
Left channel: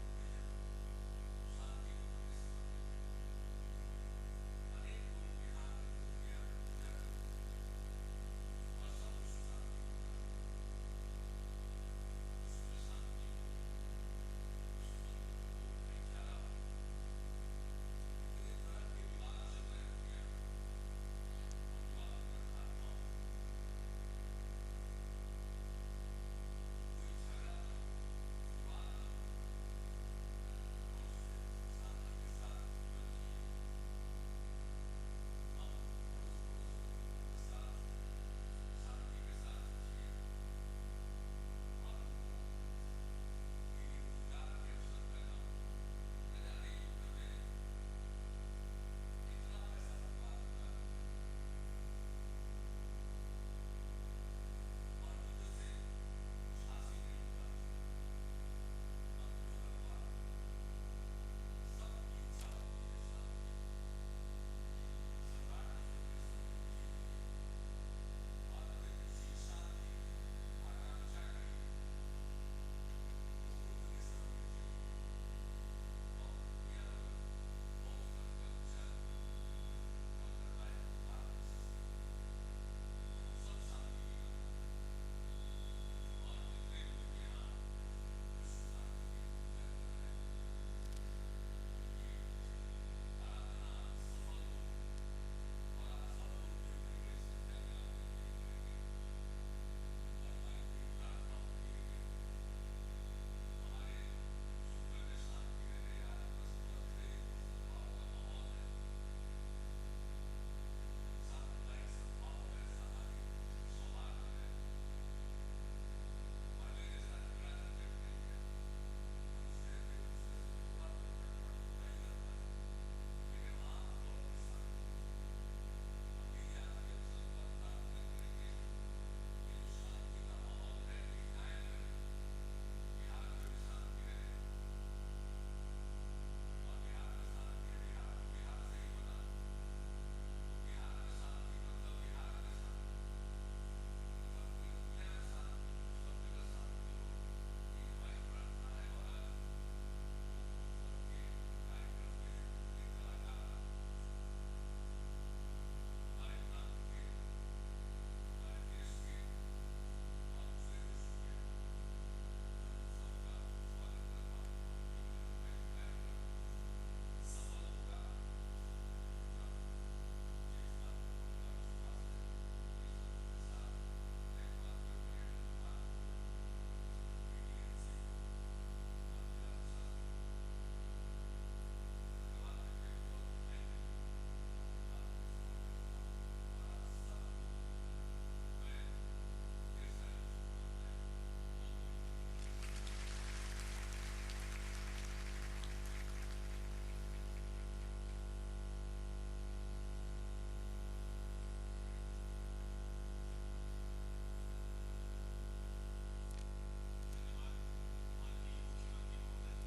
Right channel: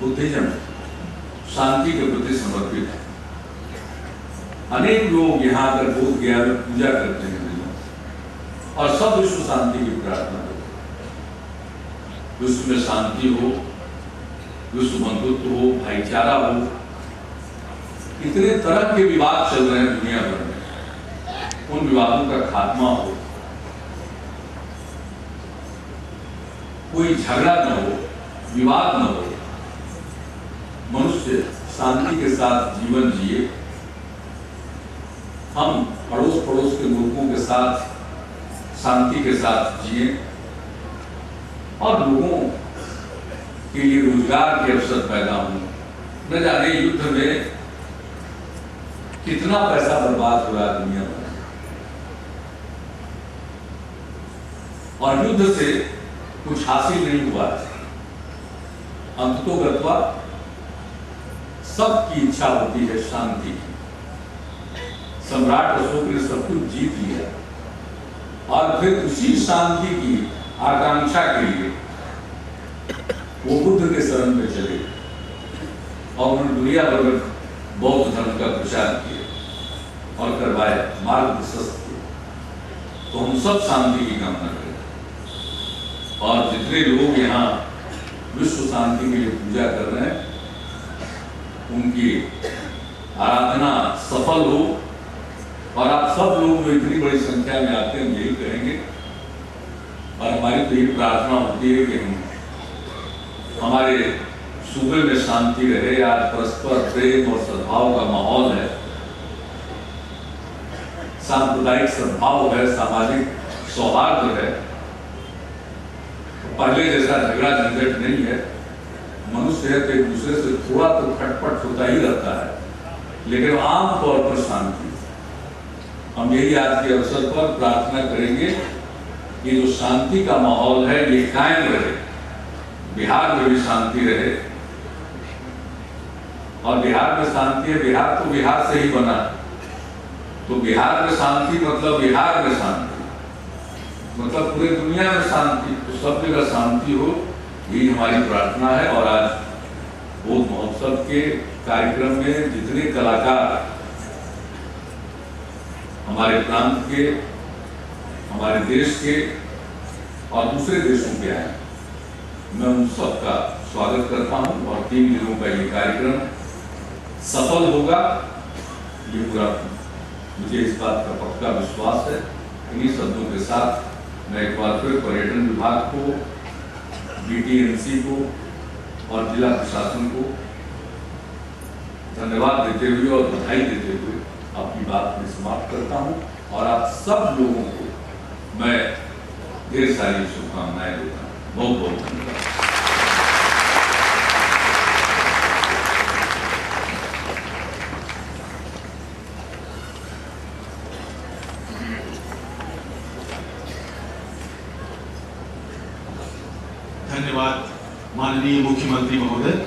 बुद्धिज्म शांति के प्रति समर्पित है। अनेक लोग यहाँ आकर बोध गया में पूजा करते हैं और सब विश्व शांति की प्रार्थना करते हैं। विश्व में शांति हो, विश्व बंधुत्व हो, भाईचारा हो। इतने तरह के विवाद चल रहे हैं दुनिया भर में, उन विवादों का खात्मा हो, कोई झगड़ा न हो, विवाद न हो, मनुष्य शांति के साथ जीवन जिए। हम पड़ोस के मुल्कों के साथ शांति के साथ जिए और लोगों के लिए रोजगार के अवसर पैदा हों। न जाने युद्ध में कितना पैसा बर्बाद हो रहा है दुनिया में, और युद्ध से कुछ हासिल नहीं हुआ। अंततोगत्वा सबकी इच्छा होती है शांति की। सम्राट अशोक ने सब कुछ जीत लिया और फिर उसी शांति की आकांक्षा के लिए वो बुद्ध के शरण में चले और उन्होंने दुनिया भर में बौद्ध धर्म का प्रचार किया और करवाया, मार्ग प्रशस्त किया। तो हम सब शांति की कामना करें और जितने लोग यहाँ विश्व शांति के लिए पूजा कर रहे हैं उनकी आराधना सफल हो और आप सब लोग जो इतनी बड़ी संख्या में आते हैं यही कहेंगे और हमारी तो यही प्रार्थना होती है कि हमारे सूबे में शांति रहे। आज परस्पर प्रेम और सद्भाव का माहौल है, सांप्रदायिक सद्भाव है, सामाजिक सौहार्द है। पहले जैसा झगड़ा झंझट नहीं है। मनुष्य है तो एक दूसरे से थोड़ा तो खटपट होता ही रहता है, लेकिन आम तौर पर शांति। हम यही आज के अवसर पर प्रार्थना करेंगे कि जो शांति का माहौल है ये कायम रहे, बिहार में भी शांति रहे। और बिहार में शांति है, बिहार तो बिहार से ही बना, तो बिहार में शांति मतलब बिहार में शांति, मतलब पूरे दुनिया में शांति, तो सब जगह शांति हो, यही हमारी प्रार्थना है। और आज बौद्ध महोत्सव के कार्यक्रम में जितने कलाकार हमारे प्रांत के, हमारे देश के और दूसरे देशों के आए, मैं उन सबका स्वागत करता हूं। और 3 दिनों का ये कार्यक्रम सफल होगा, ये पूरा मुझे इस बात का पक्का विश्वास है। इन्हीं शब्दों के साथ मैं एक बार फिर पर्यटन विभाग को, BTMC को और जिला प्रशासन को धन्यवाद देते हुए और बधाई देते हुए अपनी बात में समाप्त करता हूं। और आप सब लोगों को मैं ढेर सारी शुभकामनाएं देता हूं। बहुत बहुत धन्यवाद। धन्यवाद माननीय मुख्यमंत्री महोदय।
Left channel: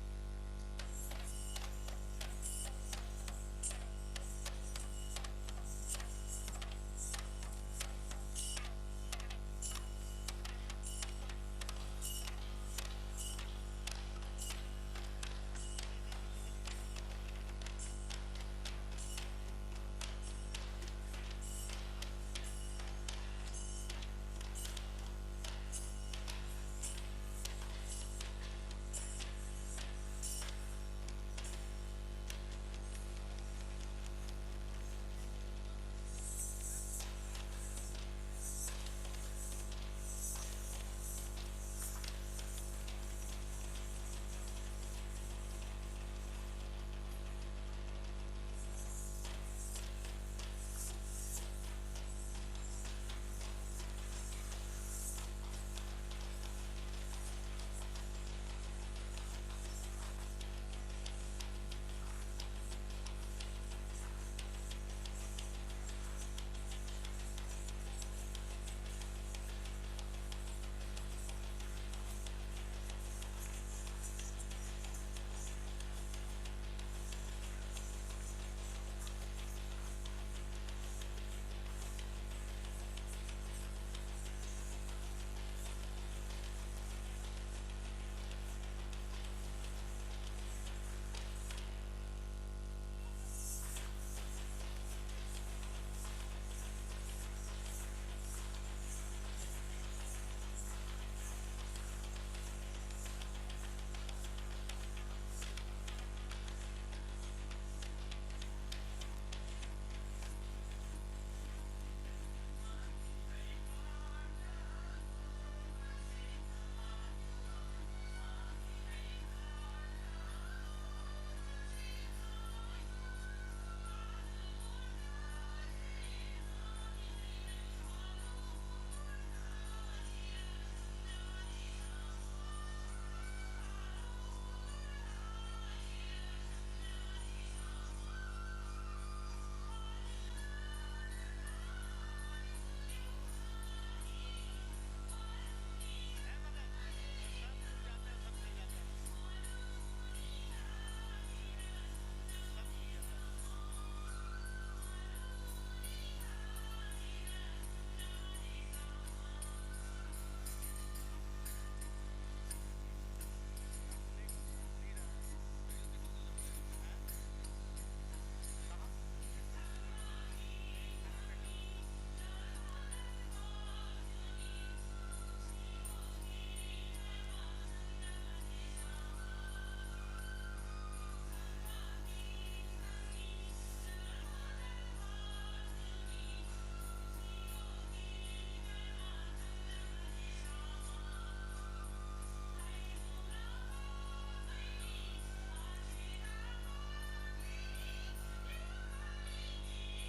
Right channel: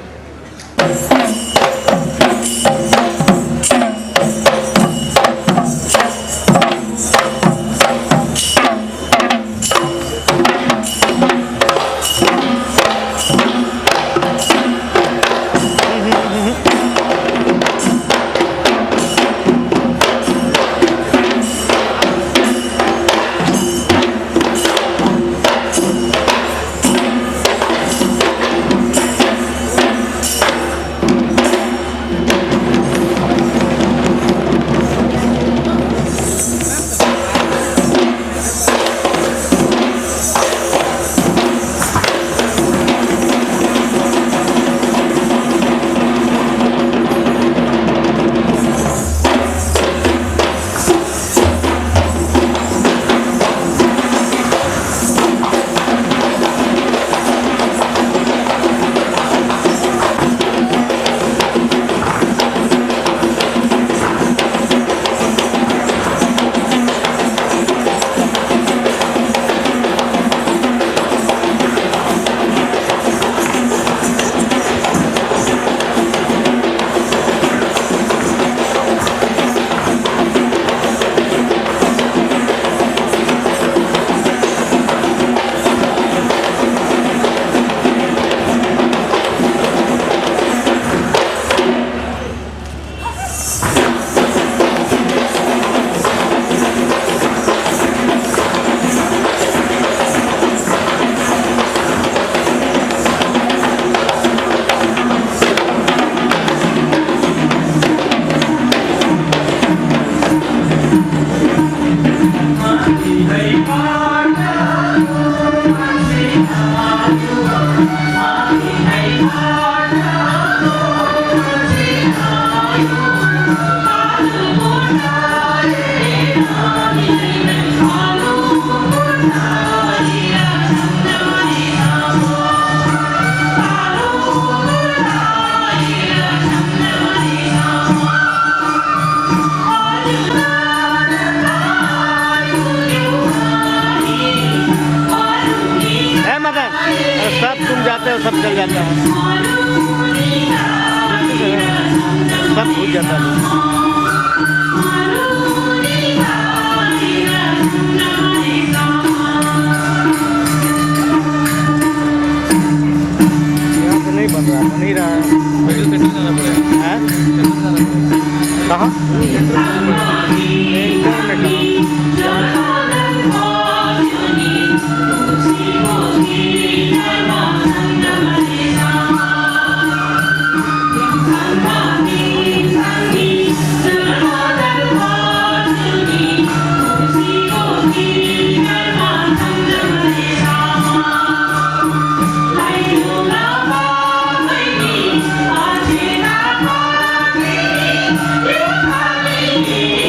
सब तुम जाते हो, सब चल जाता है, सब भूल जाता है। यहाँ तो नहीं बन रहा, बन ही रहा है। कहाँ? Thank you.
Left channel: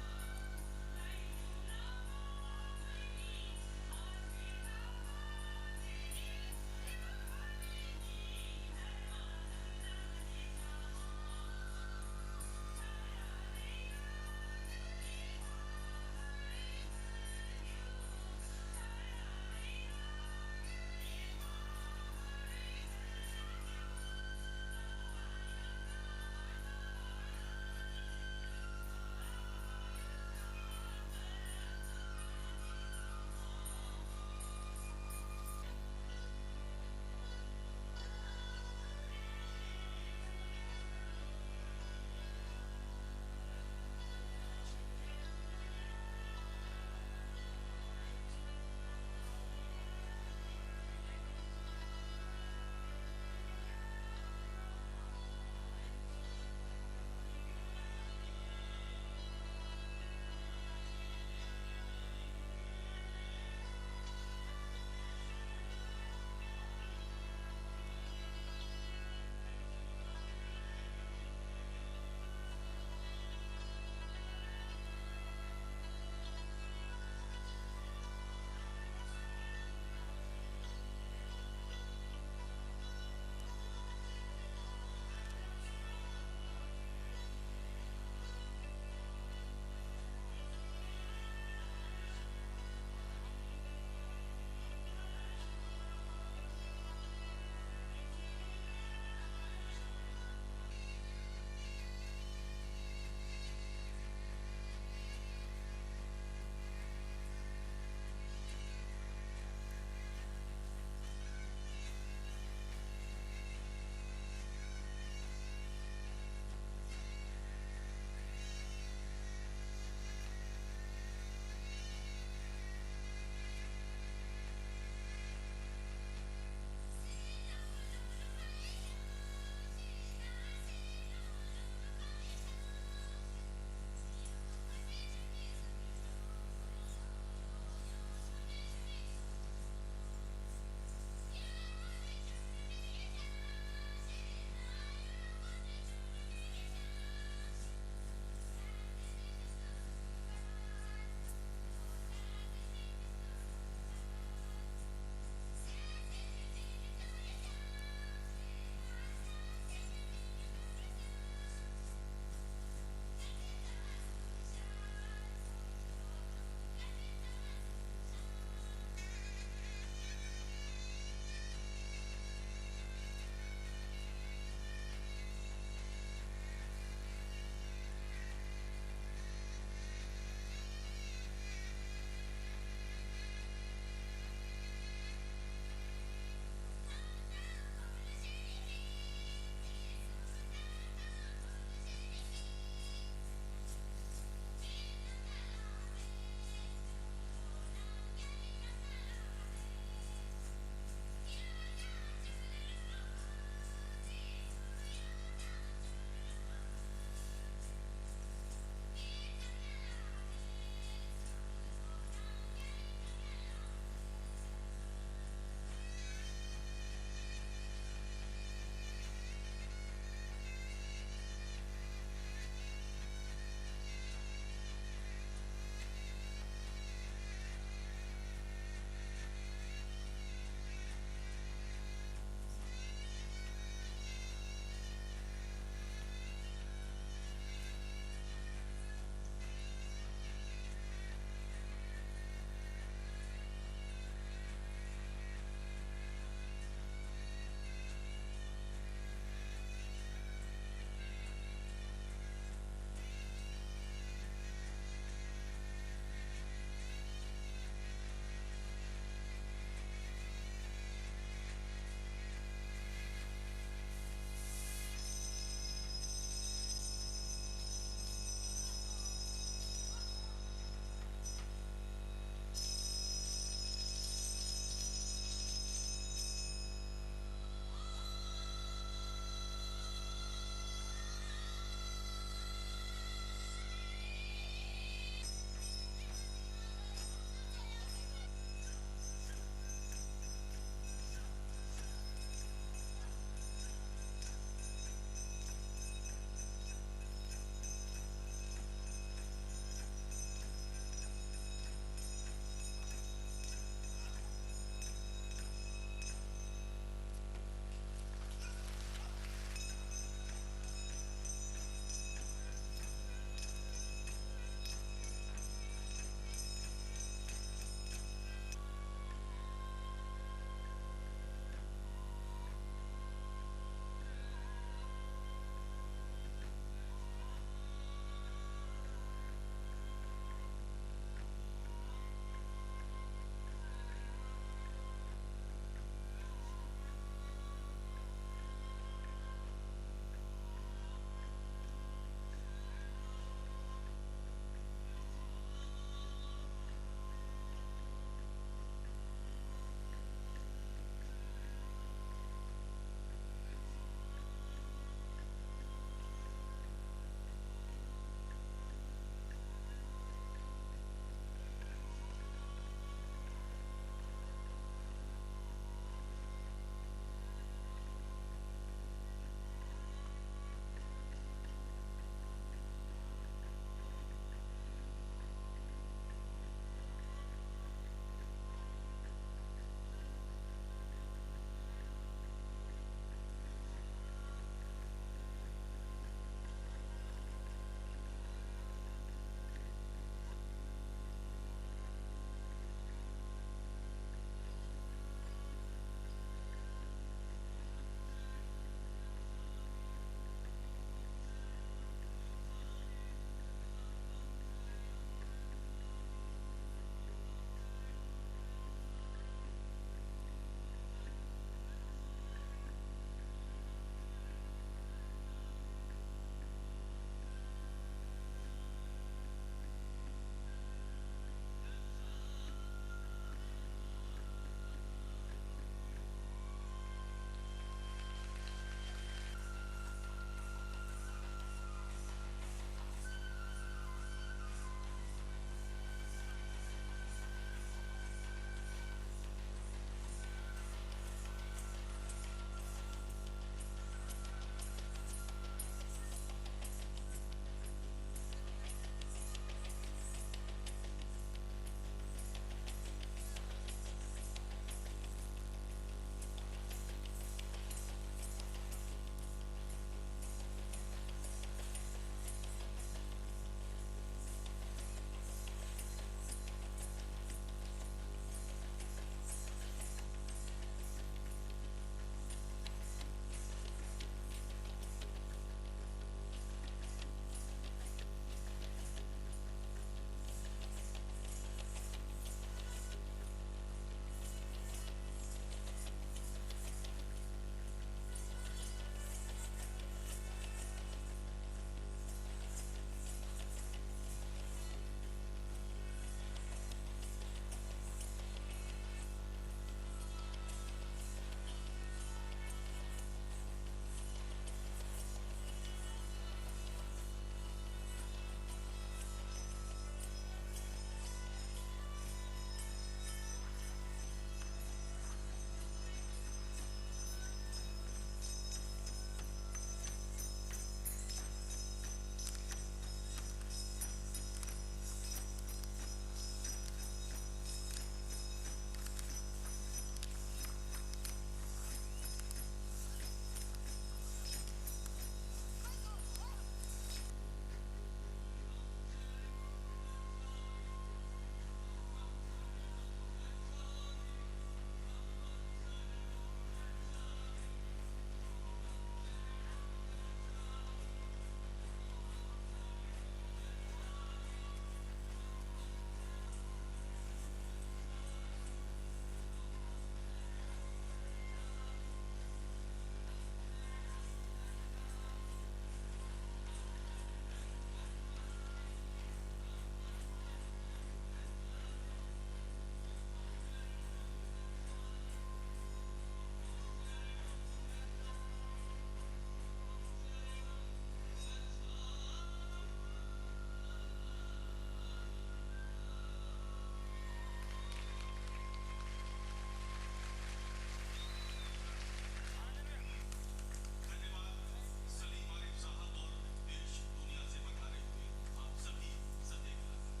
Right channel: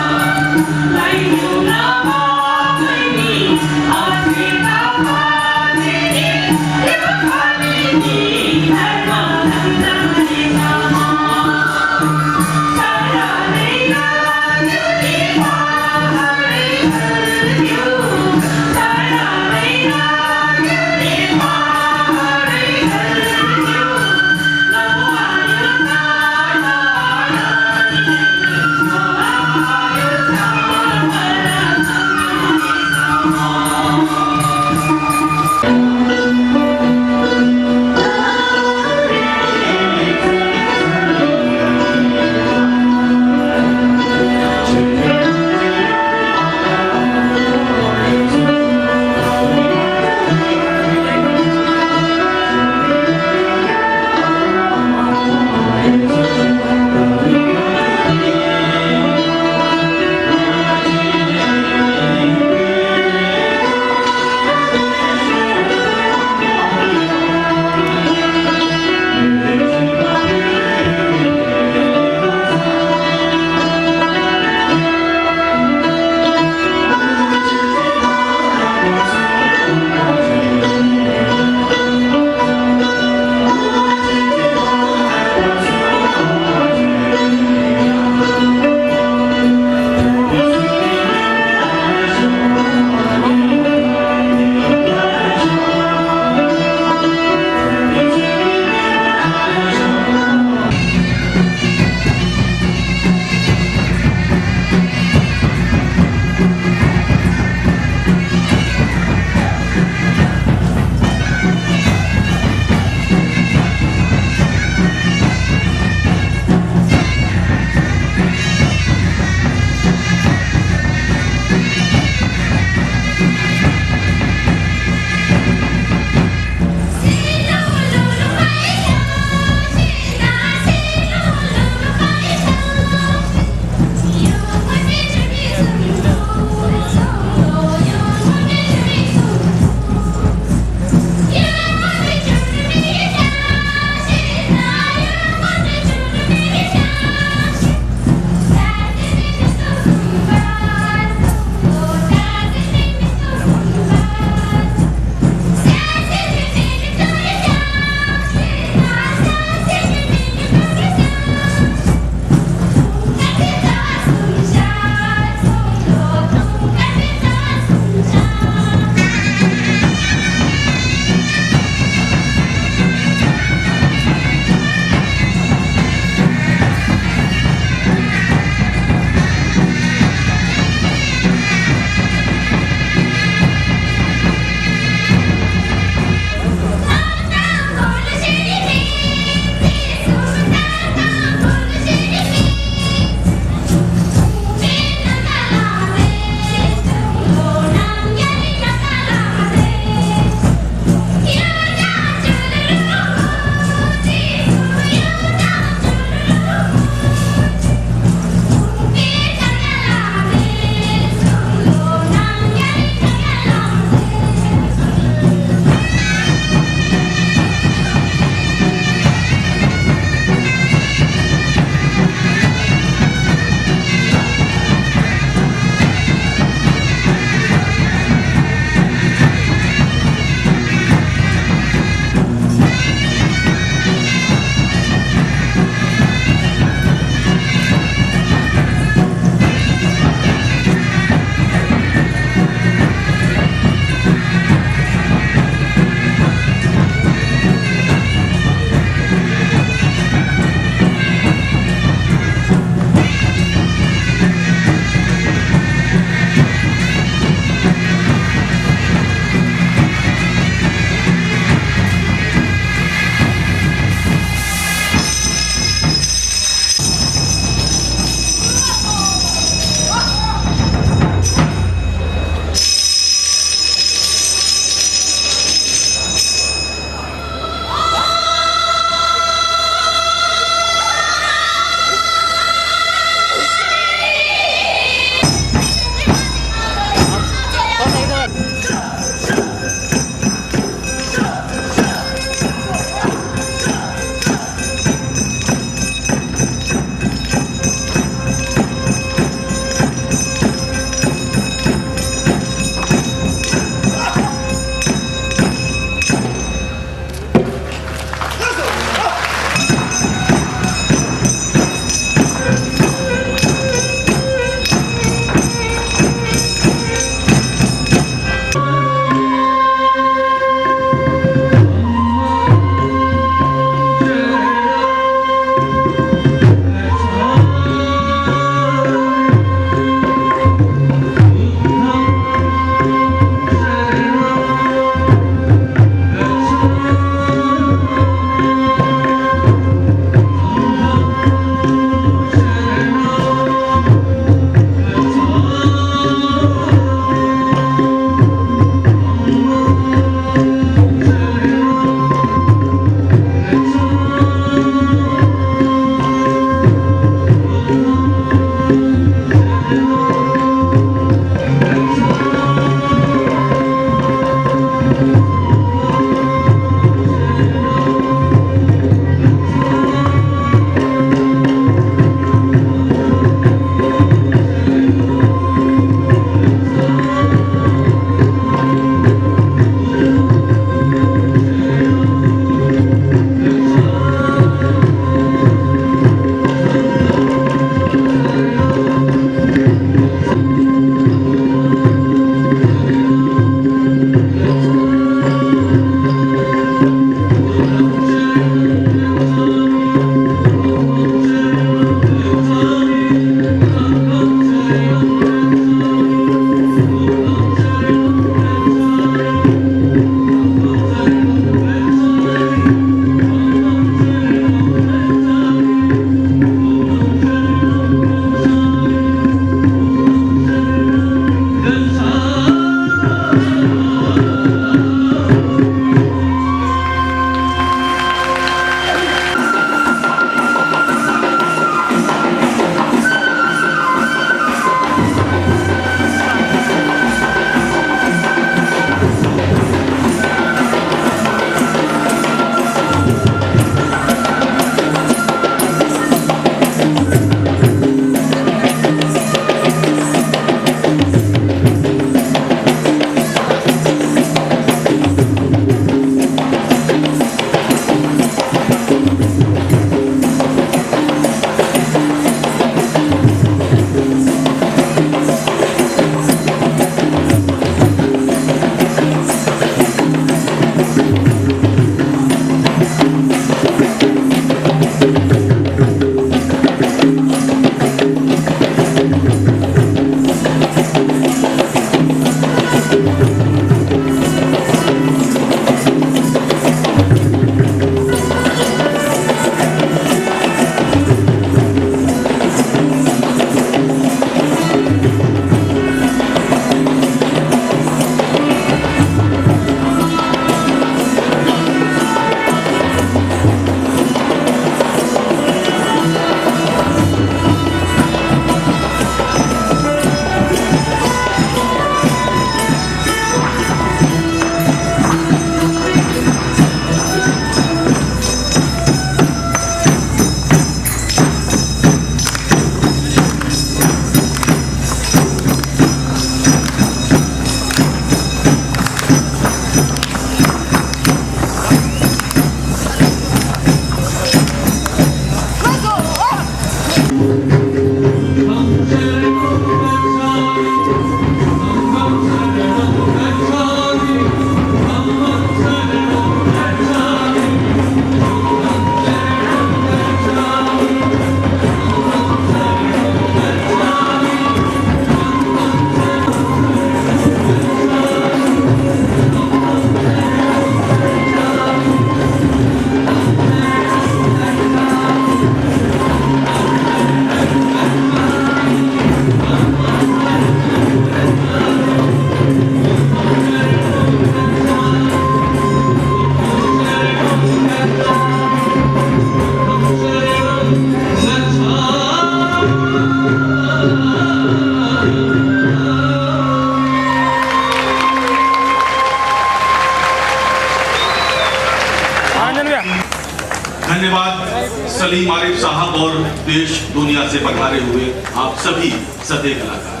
धन्यवाद सलीम आरिफ साहब और देश दुनिया से पधारे हुए आप सभी सदे कलाकार।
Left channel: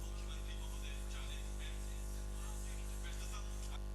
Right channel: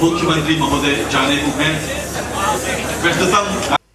मुख्यमंत्री महोदय जाने को हैं। व्यस्ततम